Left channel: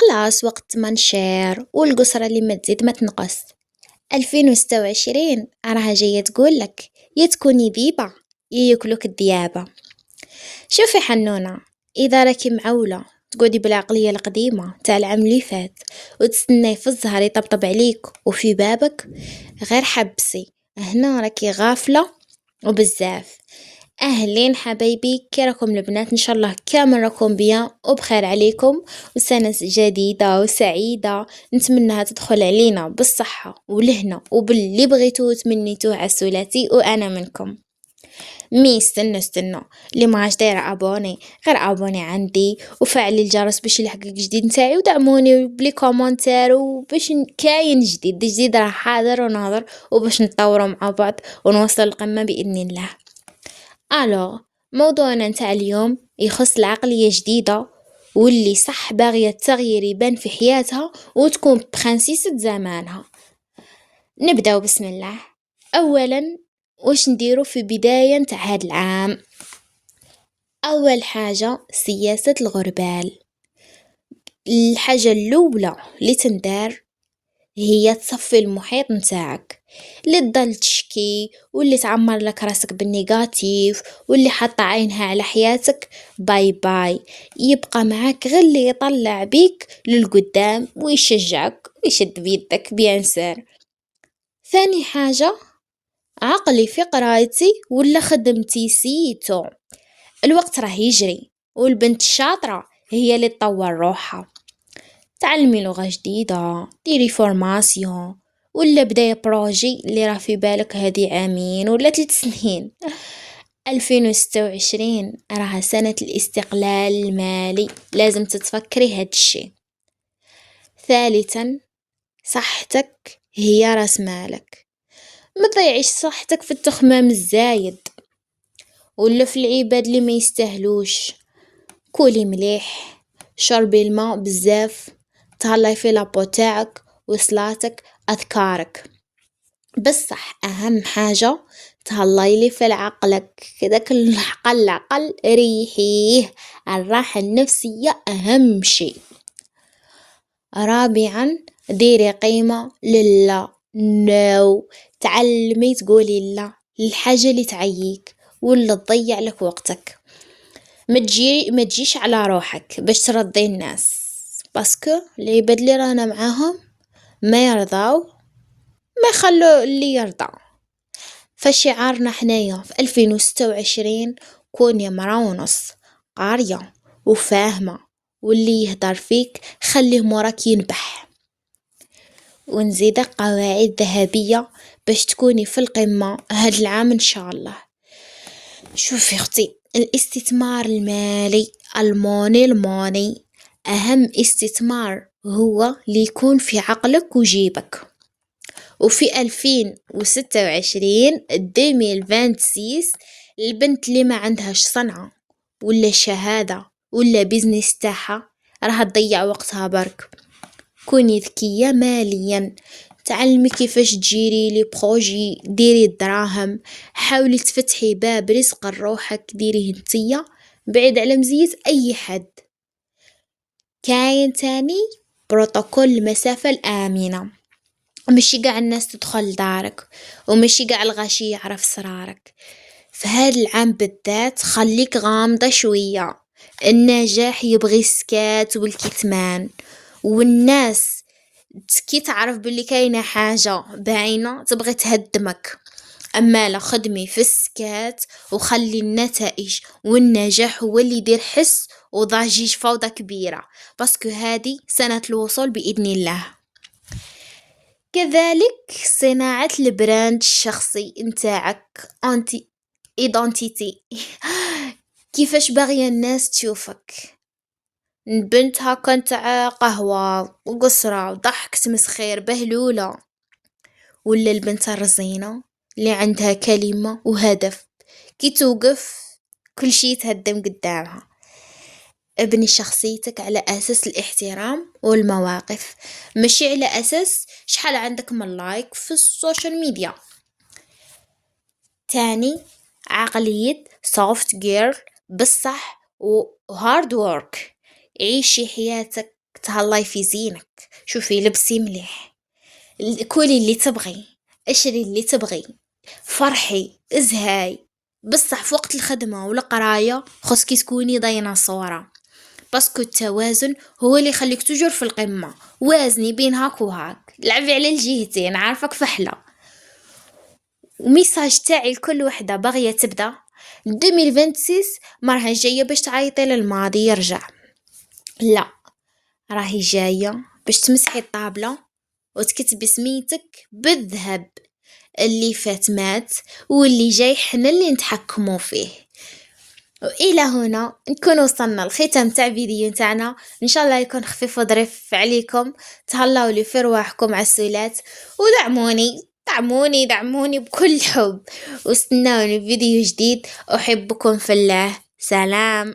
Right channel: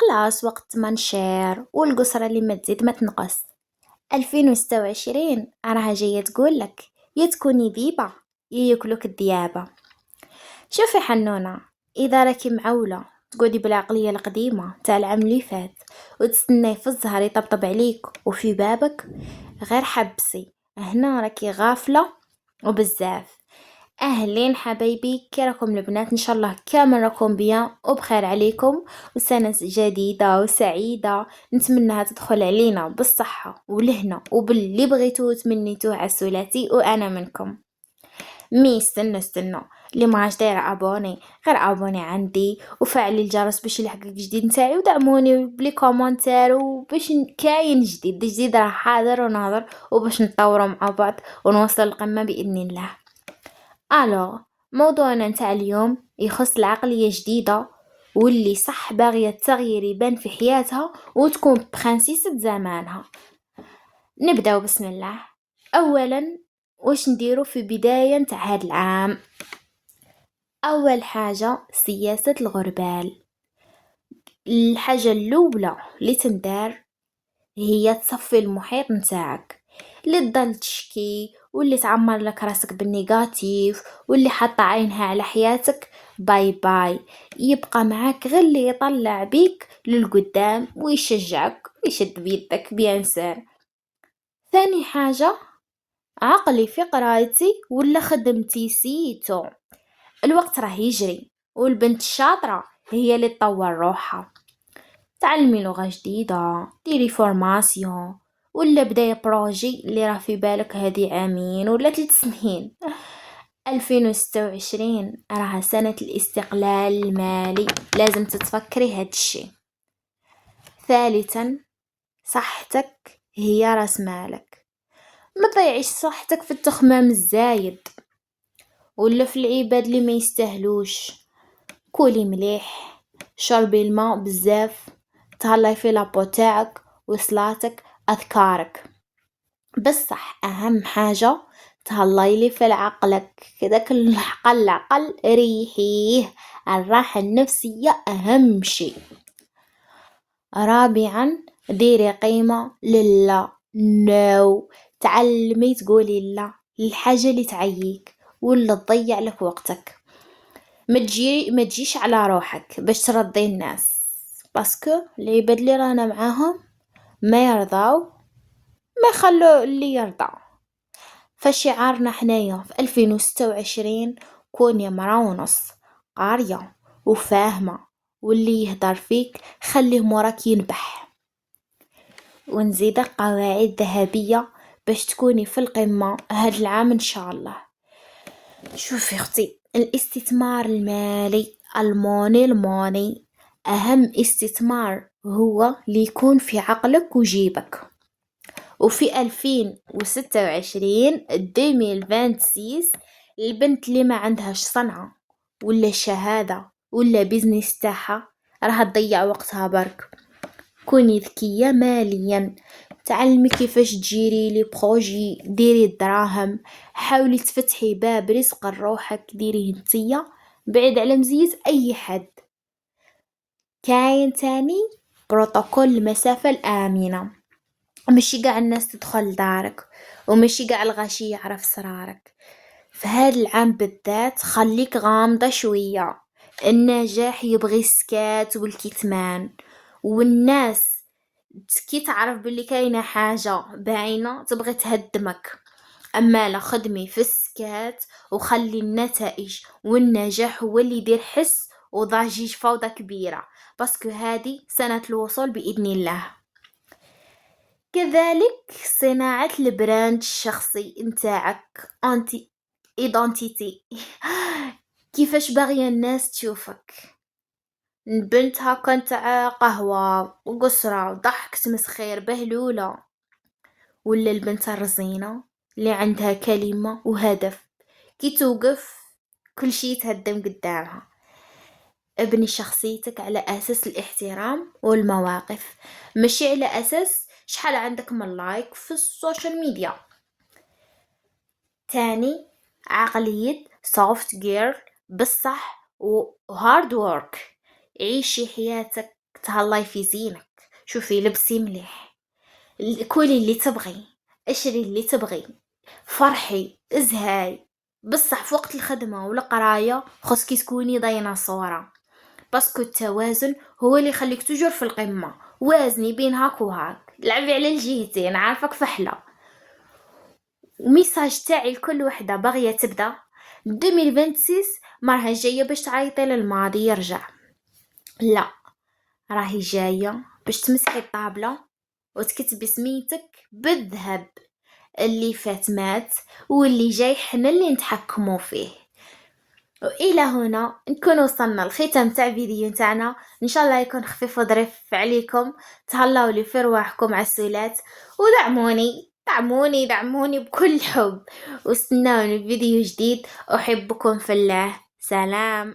خلاص وقت ما نشير والقصرى اللي ما تزيد ما تنقص. 2026 راها جاية تقولك يا تكوني ذيبة يا ياكلوك الديابة. شوفي حنونة، إذا راكي معولة تقعدي بالعقلية القديمة تاع العام اللي فات وتستناي في الزهر يطبطب عليك وفي بابك، غير حبسي هنا راكي غافلة وبزاف. أهلين حبايبي، كي راكم البنات؟ إن شاء الله كامل راكم بيان وبخير عليكم، وسنة جديدة وسعيدة نتمنىها تدخل علينا بالصحة والهنا وباللي بغيتوه وتمنيتوه عسولاتي وأنا منكم. مي استنوا اللي ما عاش دايره ابوني غير ابوني عندي وفعلي الجرس باش يلحقك جديد نتاعي، ودعموني بلي كومونتير وباش كاين جديد راه حاضر وناظر، وباش نتطوروا مع بعض ونوصل القمة بإذن الله. الو، موضوعنا نتاع اليوم يخص العقلية جديدة واللي صح باغية التغيير يبان في حياتها وتكون برانسيسة زمانها. نبداو بسم الله. اولا، واش نديرو في بداية نتاع هاد العام؟ اول حاجة سياسة الغربال. الحاجة الاولى اللي تندار هي تصفي المحيط نتاعك، اللي تضل تشكي واللي تعمر لك راسك بالنيجاتيف واللي حاطه عينها على حياتك، باي باي. يبقى معاك غير اللي يطلع بيك للقدام ويشجعك ويشد بيدك بيان سير. ثاني حاجة، عقلي في قرايتي ولا خدمتي سيتو. الوقت راه يجري والبنت الشاطرة هي اللي تطور روحها. تعلمي لغة جديدة، ديري فورماسيون، ولا بداية بروجي اللي راه في بالك هادي عامين ولا 3 سنين. 2026 راها سنة الاستقلال المالي، لازم تتفكري هاد الشي. ثالثا، صحتك هي راس مالك. ما تضيعيش صحتك في التخمام الزايد ولا في العباد اللي ما يستاهلوش. كولي مليح، شربي الماء بزاف، تهلاي في لابو تاعك وصلاتك اذكارك. بصح اهم حاجة تهلاي لي في عقلك، كداك العقل ريحيه. الراحة النفسية اهم شي. رابعا، ديري قيمة لله. نو، تعلمي تقولي لا للحاجة اللي تعييك ولا تضيع لك وقتك. ما تجيش على روحك باش ترضي الناس، باسكو العباد اللي رانا معاهم ما يرضاو ما يخلو اللي يرضى. فشعارنا حنايا في 2026 كوني مرا ونص قارية وفاهمة، واللي يهدر فيك خليه موراك ينبح. ونزيدك قواعد ذهبية باش تكوني في القمة هاد العام ان شاء الله. شوفي اختي، الاستثمار المالي، الموني اهم استثمار هو اللي يكون في عقلك وجيبك. وفي 2026 البنت اللي ما عندهاش صنعة ولا شهادة ولا بيزنس تاعها راح تضيع وقتها برك. كوني ذكية ماليا، تعلمي كيفاش تجيري لي بروجي، ديري الدراهم، حاولي تفتحي باب رزق لروحك، ديريه نتيا بعيد على مزية اي حد. كاين تاني بروتوكول المسافة الآمنة، ماشي قاع الناس تدخل دارك وماشي قاع الغاشي يعرف سرارك. فهاد العام بالذات خليك غامضة شوية. النجاح يبغي السكات والكتمان، والناس كي تعرف باللي كاينة حاجة باينة تبغي تهدمك. أما لا، خدمي في السكات وخلي النتائج والنجاح هو اللي يدير حس وضجيج فوضى كبيرة، باسكو هادي سنة الوصول بإذن الله. كذلك صناعة البراند الشخصي نتاعك، انتي ايدنتيتي. كيفاش باغية الناس تشوفك؟ بنت هاكا نتاع قهوة وقصرة وضحك تمسخير بهلولة، ولا البنت الرزينة اللي عندها كلمة وهدف كي توقف كل شي يتهدم قدامها. ابني شخصيتك على أساس الاحترام والمواقف، ماشي على أساس شحال عندك من لايك في السوشيال ميديا. تاني، عقلية soft girl بصح و hard work. عيشي حياتك تهلاي في زينك، شوفي لبسي مليح، كولي اللي تبغي، اشري اللي تبغي، فرحي، ازهاي. بصح في وقت الخدمة والقراية خصكي تكوني ديناصورة، باسكو التوازن هو اللي يخليك تجر في القمة. وازني بين هاك وهاك، لعبي على الجهتين، عارفك فحلة. وميساج تاعي لكل وحدة باغية تبدا 2026 مرها جاية باش تعيطي للماضي يرجع، لا، راهي جاية باش تمسحي الطابلة وتكتبي سميتك بالذهب. اللي فات مات، واللي جاي حنا اللي نتحكموا فيه. وإلى هنا نكون وصلنا لختام تاع فيديو تاعنا، ان شاء الله يكون خفيف وظريف عليكم. تهلاو لي في رواحكم عسولات، ودعموني بكل حب، واستناوني في فيديو جديد. احبكم في الله، سلام.